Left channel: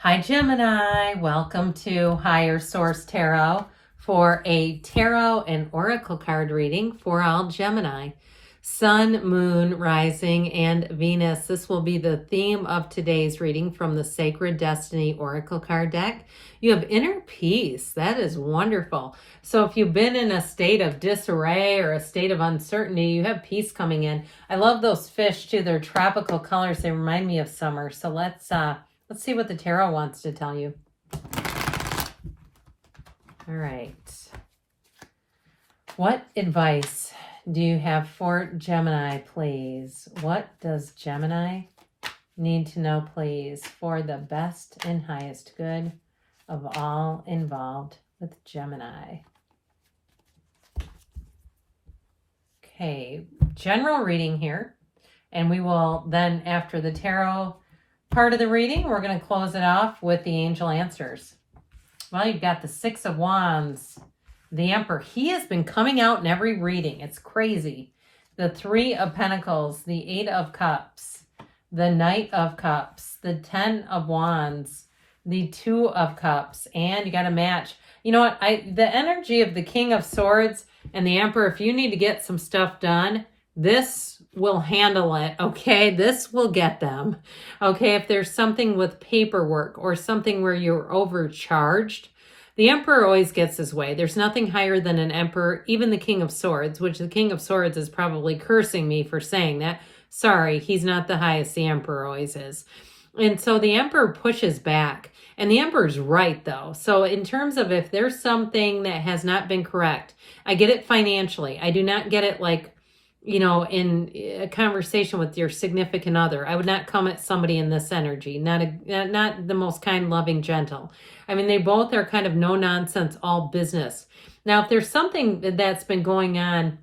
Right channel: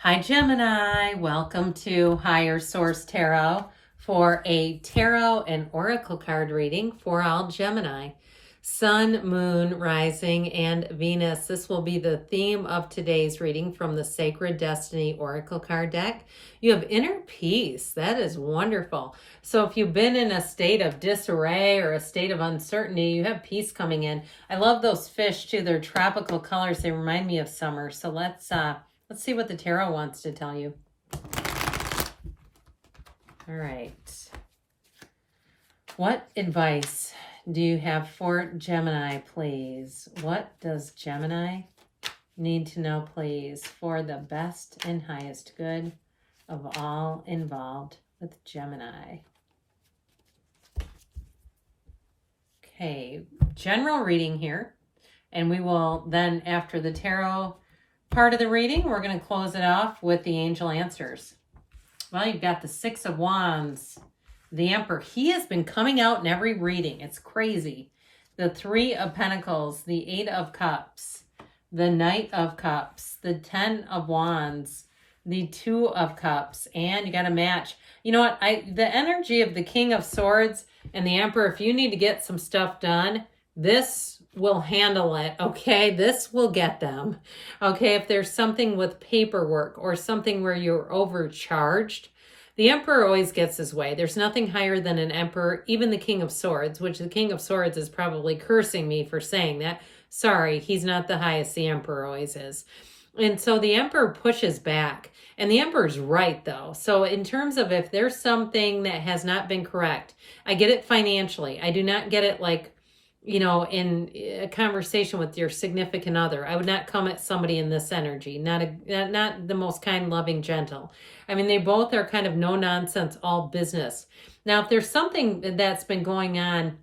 Hi Gemini, welcome to Higher Source Tarot for a tarot and oracle card reading for all Gemini. Sun, Moon, Rising, and Venus. This will be the theme of today's reading from the Sacred Destiny Oracle card deck. You have inner peace. That is wonderful. So if you've been in a state of disarray or a state of uncertainty, you have peace coming in. I love those fish too. They're tropical colors. They remind me of summer. So let's see what the tarot wants to tell you. All right. What advice do you have for Gemini, please? What does Gemini need to know, please, for the best and highest good of all involved with Gemini? Okay, general reading here. And we will then, after the tarot part of the reading, we're going to close it off with the angel answers. Well, you've got the Six of Wands, the Emperor. He has been coming out in every reading. It's crazy. The Three of Pentacles, the Eight of Cups, the Knight of Cups, the Ten of Wands, the Two of Cups, and you got a match. You know what? The energy of the King of Swords and the Emperor, if you need to get some stuff done, this will handle it, okay? This will get them, okay? If there's something with paperwork or something where you're overcharged, the Emperor always gets his way. There's nothing higher than an Emperor, even the King of Swords, which the King of Swords is probably cursing me for saying that. Sorry, he's not the highest. The Emperor always is. And so the Emperor pushes back. And the Emperor's right, though. So in terms of if there's something that has not been correct, I get it financially. I do not get it like, you know, in a conversation with your significant other. I would not come at somebody in this energy. Not the most kind, loving, gentle. I mean, they both are kind of no nonsense, all business. Now, if there's something that's been going on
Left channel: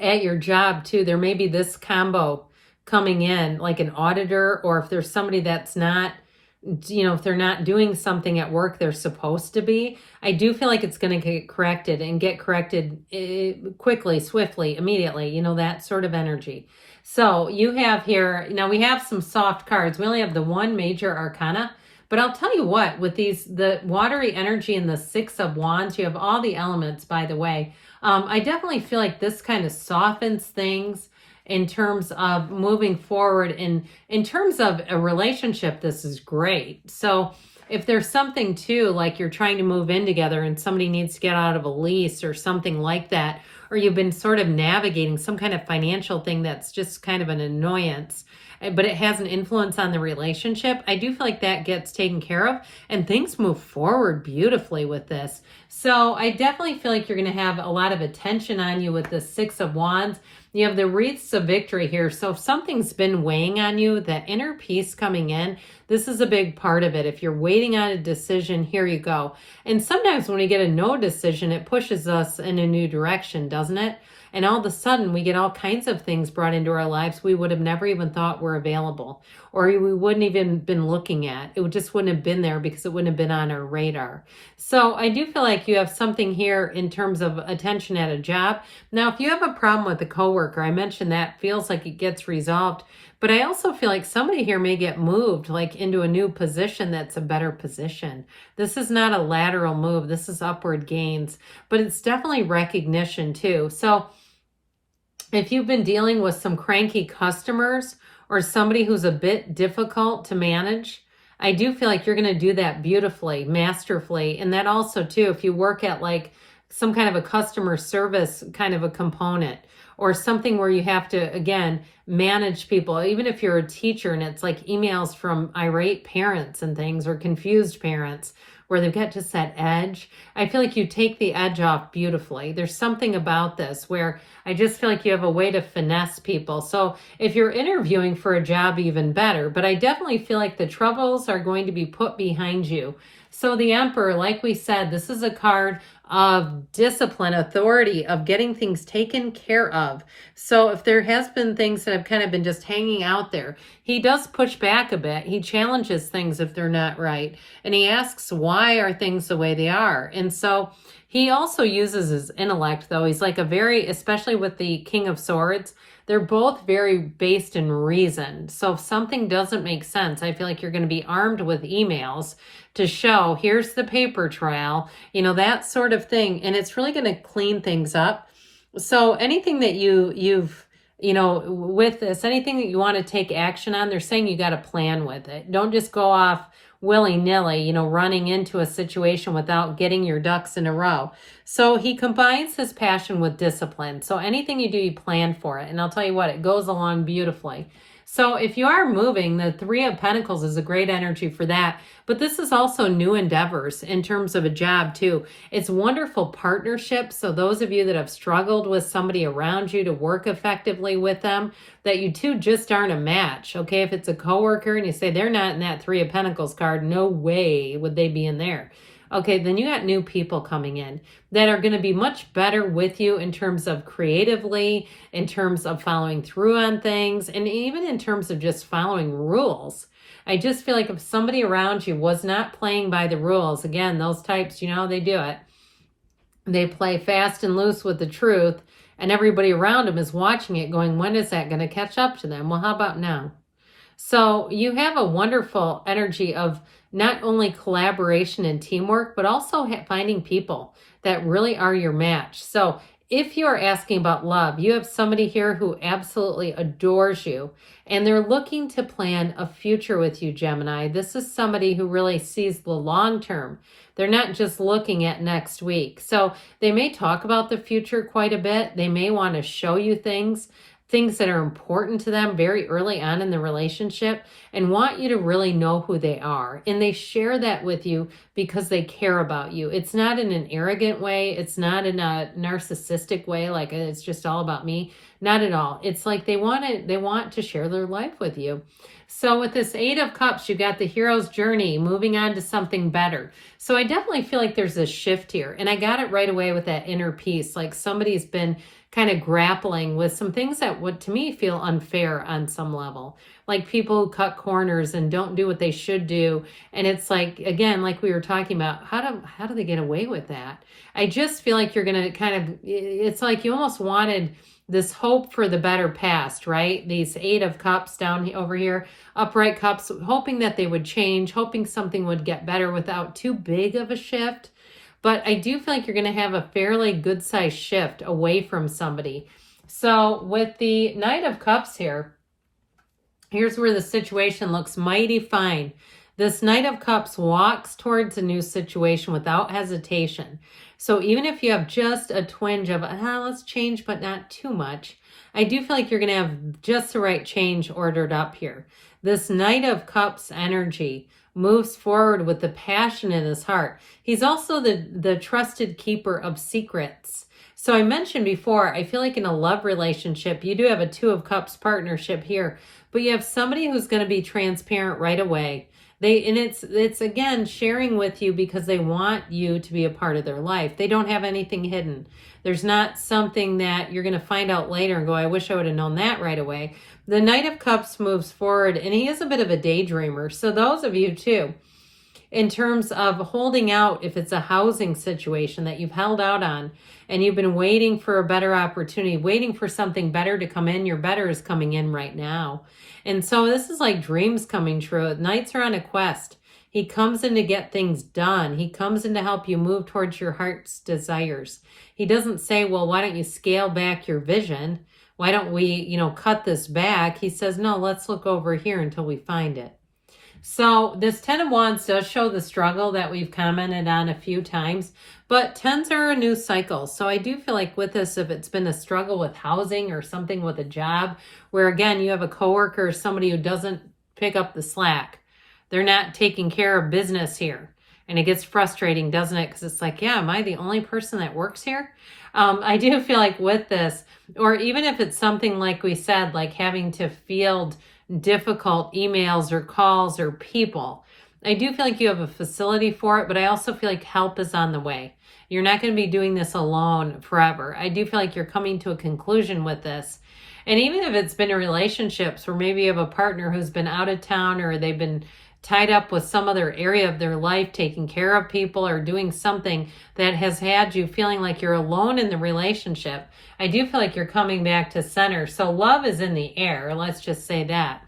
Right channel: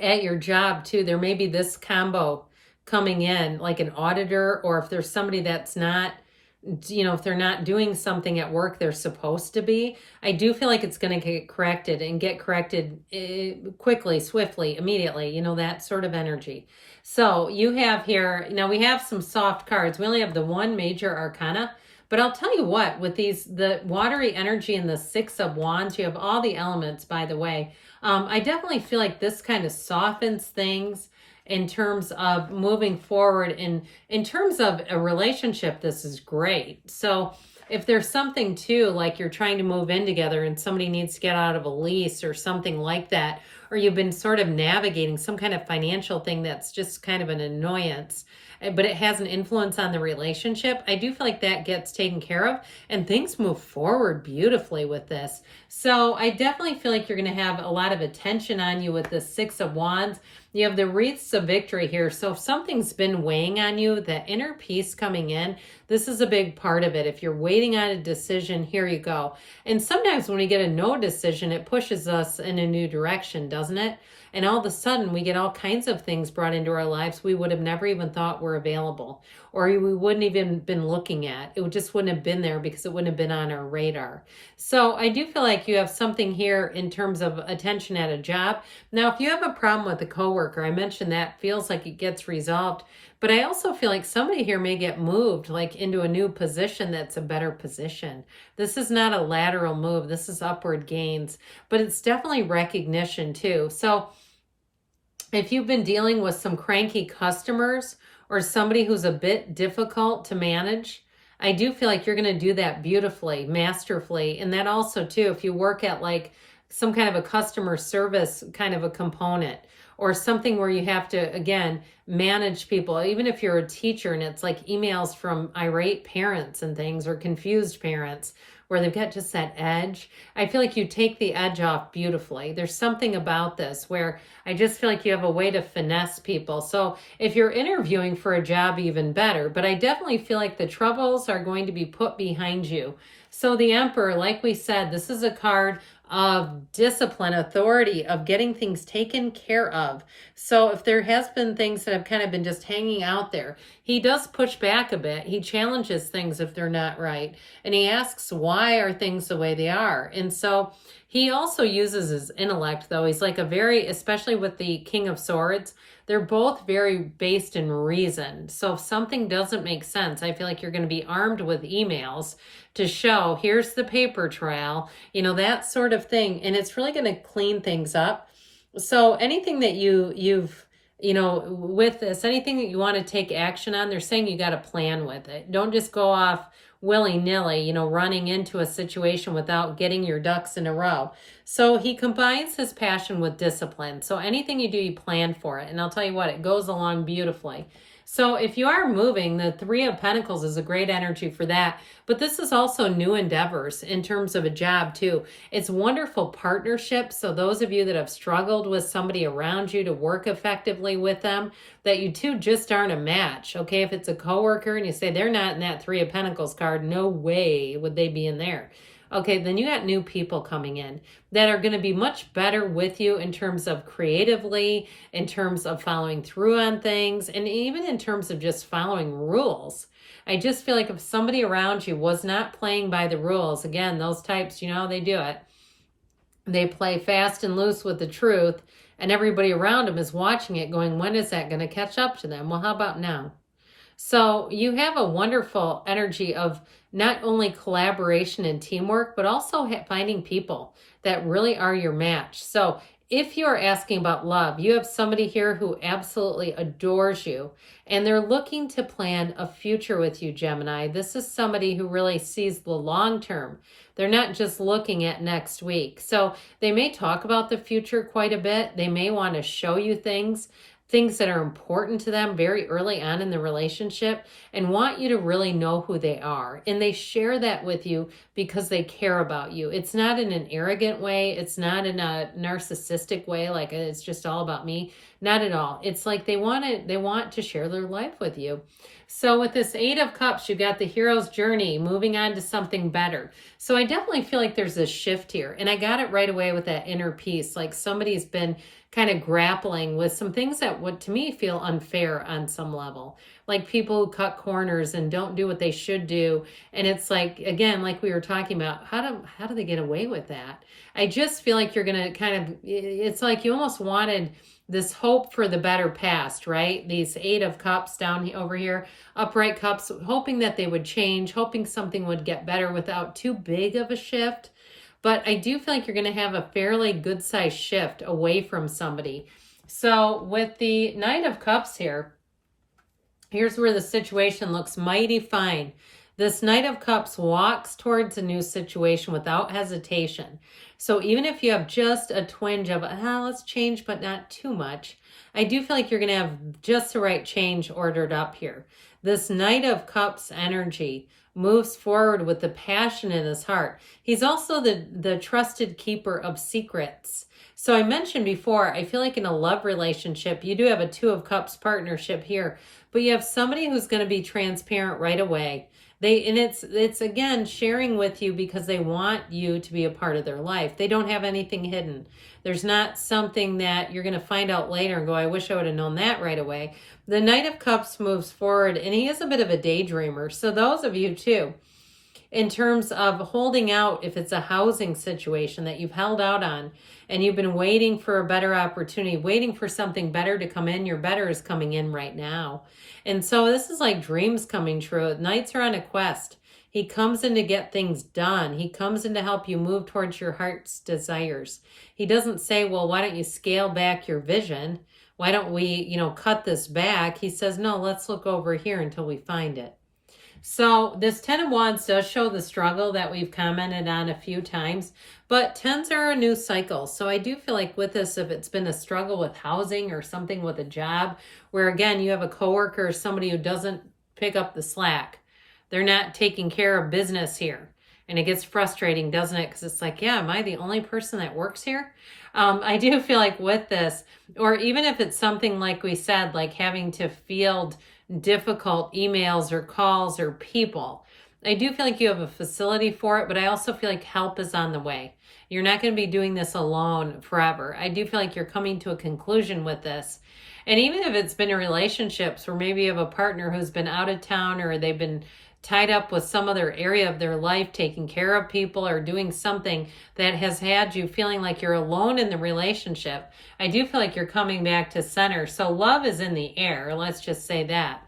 at your job too, there may be this combo coming in, like an auditor, or if there's somebody that's not, you know, if they're not doing something at work they're supposed to be, I do feel like it's going to get corrected and get corrected quickly, swiftly, immediately, you know, that sort of energy. So you have here, now we have some soft cards. We only have the one major arcana, but I'll tell you what, with the watery energy and the Six of Wands, you have all the elements, by the way. I definitely feel like this kind of softens things in terms of moving forward. In terms of a relationship, this is great. So if there's something too, like you're trying to move in together and somebody needs to get out of a lease or something like that, or you've been sort of navigating some kind of financial thing that's just kind of an annoyance, but it has an influence on the relationship, I do feel like that gets taken care of and things move forward beautifully with this. So I definitely feel like you're going to have a lot of attention on you with the Six of Wands. You have the wreaths of victory here. So if something's been weighing on you, that inner peace coming in, this is a big part of it. If you're waiting on a decision, here you go. And sometimes when we get a no decision, it pushes us in a new direction, doesn't it? And all of a sudden, we get all kinds of things brought into our lives we would have never even thought were available, or we wouldn't even been looking at. It just wouldn't have been there because it wouldn't have been on our radar. So I do feel like you have something here in terms of attention at a job. Now, if you have a problem with a coworker, I mentioned that feels like it gets resolved. But I also feel like somebody here may get moved like into a new position that's a better position. This is not a lateral move. This is upward gains, but it's definitely recognition too. So if you've been dealing with some cranky customers or somebody who's a bit difficult to manage, I do feel like you're going to do that beautifully, masterfully. And that also too, if you work at like some kind of a customer service kind of a component, or something where you have to, again, manage people, even if you're a teacher and it's like emails from irate parents and things, or confused parents where they've got just that edge. I feel like you take the edge off beautifully. There's something about this where I just feel like you have a way to finesse people. So if you're interviewing for a job, even better. But I definitely feel like the troubles are going to be put behind you. So the Emperor, like we said, this is a card of discipline, authority, of getting things taken care of. So if there has been things that have kind of been just hanging out there, he does push back a bit. He challenges things if they're not right. And he asks, why are things the way they are? And so he also uses his intellect, though. He's like a very, especially with the King of Swords, they're both very based in reason. So if something doesn't make sense, I feel like you're going to be armed with emails to show, here's the paper trail, that sort of thing. And it's really going to clean things up. So anything that you've, with this, anything that you want to take action on, they're saying you got to plan with it. Don't just go off willy-nilly, running into a situation without getting your ducks in a row. So he combines his passion with discipline. So anything you do, you plan for it. And I'll tell you what, it goes along beautifully. So if you are moving, the Three of Pentacles is a great energy for that. But this is also new endeavors in terms of a job too. It's wonderful partnership. So those of you that have struggled with somebody around you to work effectively with them, that you two just aren't a match. Okay, if it's a coworker and you say they're not in that Three of Pentacles card, no way would they be in there. Okay, then you got new people coming in that are going to be much better with you in terms of creatively, in terms of following through on things, and even in terms of just following rules. I just feel like if somebody around you was not playing by the rules, again, those types, they do it. They play fast and loose with the truth, and everybody around them is watching it going, when is that going to catch up to them? Well, how about now? So you have a wonderful energy of not only collaboration and teamwork, but also finding people that really are your match. So if you're asking about love, you have somebody here who absolutely adores you, and they're looking to plan a future with you, Gemini. This is somebody who really sees the long term. They're not just looking at next week. So they may talk about the future quite a bit. They may want to show you things that are important to them very early on in the relationship, and want you to really know who they are. And they share that with you because they care about you. It's not in an arrogant way. It's not in a narcissistic way, like it's just all about me. Not at all. It's like they want to share their life with you. So with this Eight of Cups, you got the hero's journey, moving on to something better. So I definitely feel like there's a shift here. And I got it right away with that inner peace. Like somebody's been kind of grappling with some things that would, to me, feel unfair on some level. Like people who cut corners and don't do what they should do. And it's like, again, like we were talking about, how do they get away with that? I just feel like you're going to kind of, it's like you almost wanted this hope for the better past, right? These Eight of Cups down over here, upright cups, hoping that they would change, hoping something would get better without too big of a shift. But I do feel like you're going to have a fairly good sized shift away from somebody. So with the Knight of Cups here, here's where the situation looks mighty fine. This Knight of Cups walks towards a new situation without hesitation. So even if you have just a twinge of, let's change, but not too much, I do feel like you're going to have just the right change ordered up here. This Knight of Cups energy moves forward with the passion in his heart. He's also the trusted keeper of secrets. So I mentioned before, I feel like in a love relationship, you do have a Two of Cups partnership here, but you have somebody who's going to be transparent right away. It's again sharing with you because they want you to be a part of their life. They don't have anything hidden. There's not something that you're going to find out later and go, I wish I would have known that right away. The Knight of Cups moves forward, and he is a bit of a daydreamer. So those of you too, in terms of holding out, if it's a housing situation that you've held out on and you've been waiting for a better opportunity, waiting for something better to come in, your better is coming in right now. And so this is like dreams coming true. Knights are on a quest. He comes in to get things done. He comes in to help you move towards your heart's desires. He doesn't say, well, why don't you scale back your vision? Why don't we, cut this back? He says, no, let's look over here until we find it. So this Ten of Wands does show the struggle that we've commented on a few times, but tens are a new cycle. So I do feel like with this, if it's been a struggle with housing or something with a job, where again, you have a coworker or somebody who doesn't pick up the slack. They're not taking care of business here. And it gets frustrating, doesn't it? Because it's like, yeah, am I the only person that works here? I do feel like with this, or even if it's something like we said, like having to field difficult emails or calls or people, I do feel like you have a facility for it, but I also feel like help is on the way. You're not going to be doing this alone forever. I do feel like you're coming to a conclusion with this, And even if it's been in relationships where maybe you have a partner who's been out of town, or they've been tied up with some other area of their life, taking care of people or doing something that has had you feeling like you're alone in the relationship, I do feel like you're coming back to center. So love is in the air. Let's just say that.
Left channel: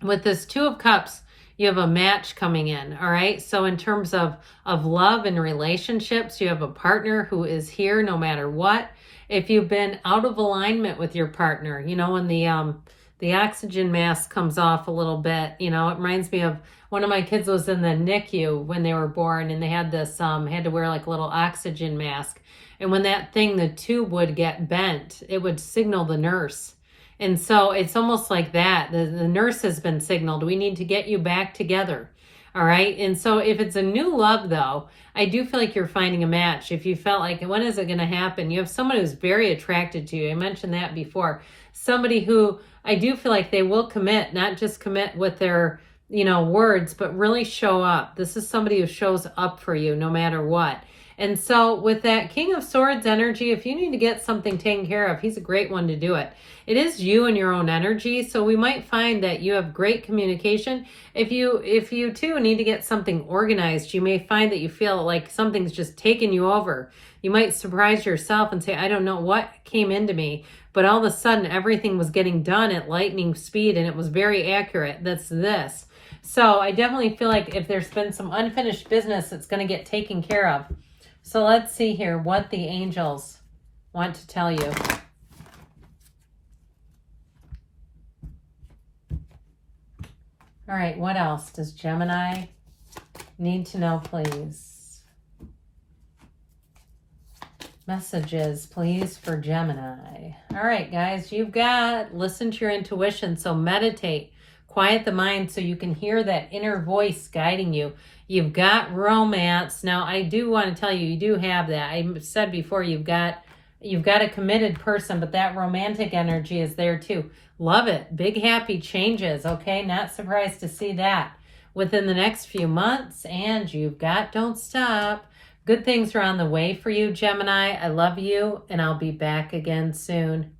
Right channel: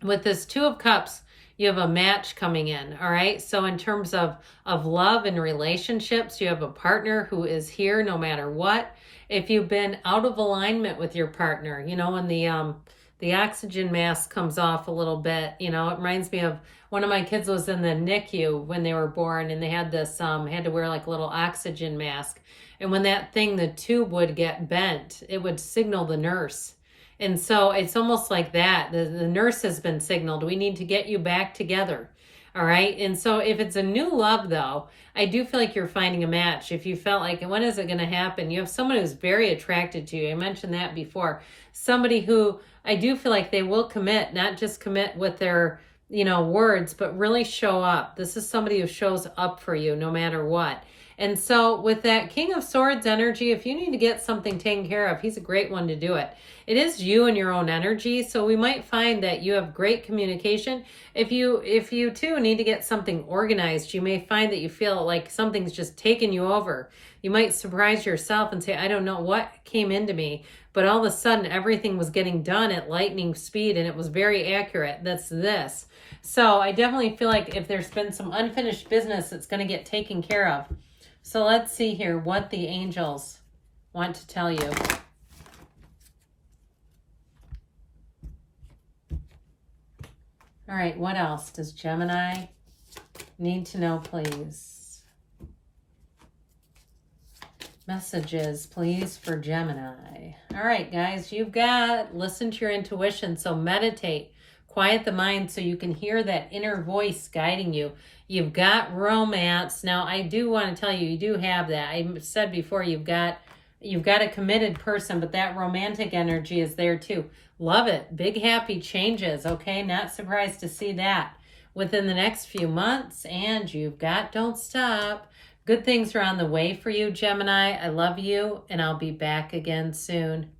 With this Two of Cups, you have a match coming in, all right? So in terms of love and relationships, you have a partner who is here no matter what. If you've been out of alignment with your partner, you know, when the oxygen mask comes off a little bit, you know, it reminds me of one of my kids was in the NICU when they were born, and they had this, had to wear like a little oxygen mask. And when that thing, the tube would get bent, it would signal the nurse. And so it's almost like that. The nurse has been signaled. We need to get you back together. All right. And so if it's a new love, though, I do feel like you're finding a match. If you felt like, when is it going to happen? You have someone who's very attracted to you. I mentioned that before. Somebody who I do feel like they will commit, not just commit with their, you know, words, but really show up. This is somebody who shows up for you no matter what. And so with that King of Swords energy, if you need to get something taken care of, he's a great one to do it. It is you and your own energy. So we might find that you have great communication. If you too need to get something organized, you may find that you feel like something's just taken you over. You might surprise yourself and say, I don't know what came into me, but all of a sudden everything was getting done at lightning speed and it was very accurate. That's this. So I definitely feel like if there's been some unfinished business, it's going to get taken care of. So let's see here what the angels want to tell you. All right, what else does Gemini need to know, please? Messages, please, for Gemini. All right, guys, you've got listen to your intuition. So meditate, quiet the mind so you can hear that inner voice guiding you. You've got romance. Now, I do want to tell you, you do have that. I said before, you've got a committed person, but that romantic energy is there too. Love it. Big happy changes, okay? Not surprised to see that within the next few months. And you've got don't stop. Good things are on the way for you, Gemini. I love you, and I'll be back again soon.